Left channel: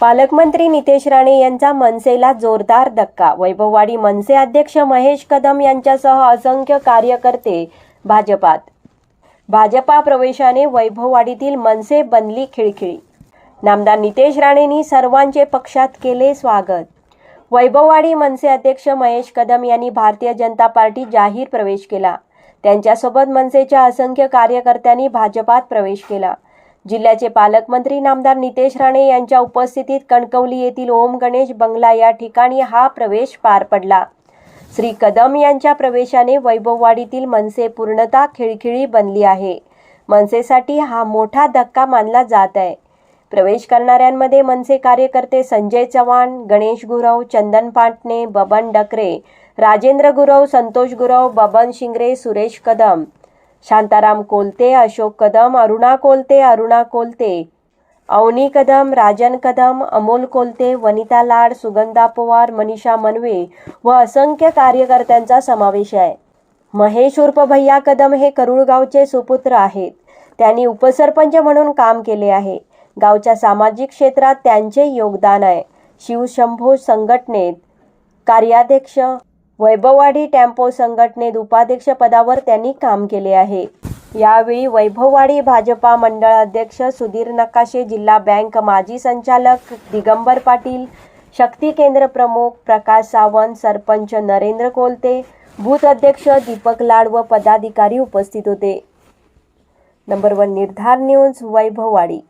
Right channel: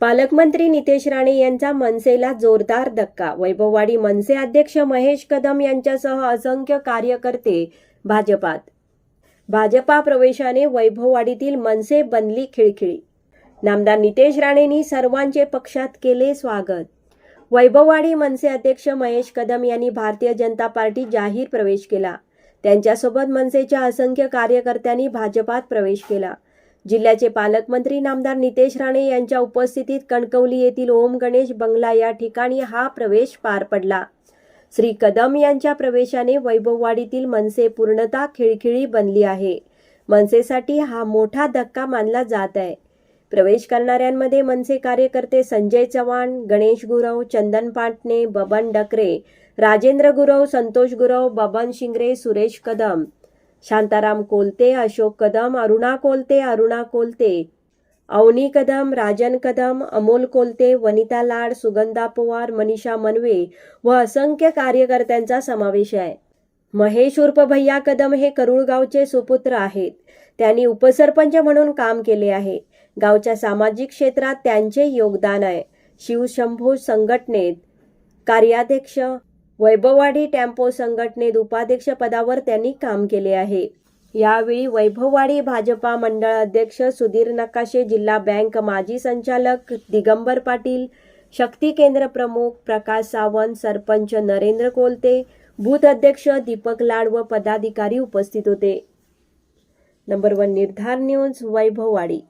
पालकमंत्री नितेश राणे यांचा मनसेला जोरदार धक्का. वैभववाडी मनसे अध्यक्ष महेश कदम यांच्यासह असंख्य कार्यकर्ते भाजपात. भाजपा प्रवेशाने वैभववाडीतील मनसे बनली खिळखिळी. नामदार नितेश राणेंनी सर्वांचे पक्षात केले स्वागत. वैभववाडी मनसे अध्यक्ष महेश कदम यांनी भारतीय जनता पार्टी जाहीर प्रवेश केला. त्यांच्यासोबत मनसेच्या असंख्य कार्यकर्त्यांनी भाजपात प्रवेश केला. जिल्ह्याचे पालकमंत्री नामदार नितेश राणे यांच्या उपस्थितीत कणकवली येथील ओम गणेश बंगला या ठिकाणी हा प्रवेश पार पडला. श्री कदम यांच्या प्रवेशाने वैभववाडीतील मनसे पूर्णतः खिळखिळी बनली आहे. मनसेसाठी हा मोठा धक्का मानला जात आहे. प्रवेश करणाऱ्यांमध्ये मनसे कार्यकर्ते संजय चव्हाण, गणेश गुरव, चंदन पाटणे, बबन डकरे, राजेंद्र गुरव, संतोष गुरव, बबन शिंगरे, सुरेश कदम, शांताराम कोलते, अशोक कदम, अरुणा कोलते, अवनी कदम, राजन कदम, अमोल कोलते, वनिता लाड, सुगंधा पवार, मनीषा मनवे व असंख्य कार्यकर्त्यांचा समावेश आहे. महेश उर्फ भैया कदम हे करूळ गावचे सुपुत्र आहेत. त्यांनी उपसरपंच म्हणून काम केले आहे. गावच्या सामाजिक क्षेत्रात त्यांचे योगदान आहे. शिवशंभो संघटनेत कार्याध्यक्ष, वैभववाडी टेम्पो संघटनेत उपाध्यक्ष पदावर त्यांनी काम केले आहे. यावेळी वैभववाडी भाजपा मंडळ अध्यक्ष सुधीर नकाशे, जिल्हा बँक माजी संचालक दिगंबर पाटील, शक्ती केंद्र प्रमुख प्रकाश सावंत, सरपंच नरेंद्र कोलते, बूथ अध्यक्ष दीपक लाड व पदाधिकारी उपस्थित होते. नंबर 1 निर्धार न्यूज, वैभववाडी.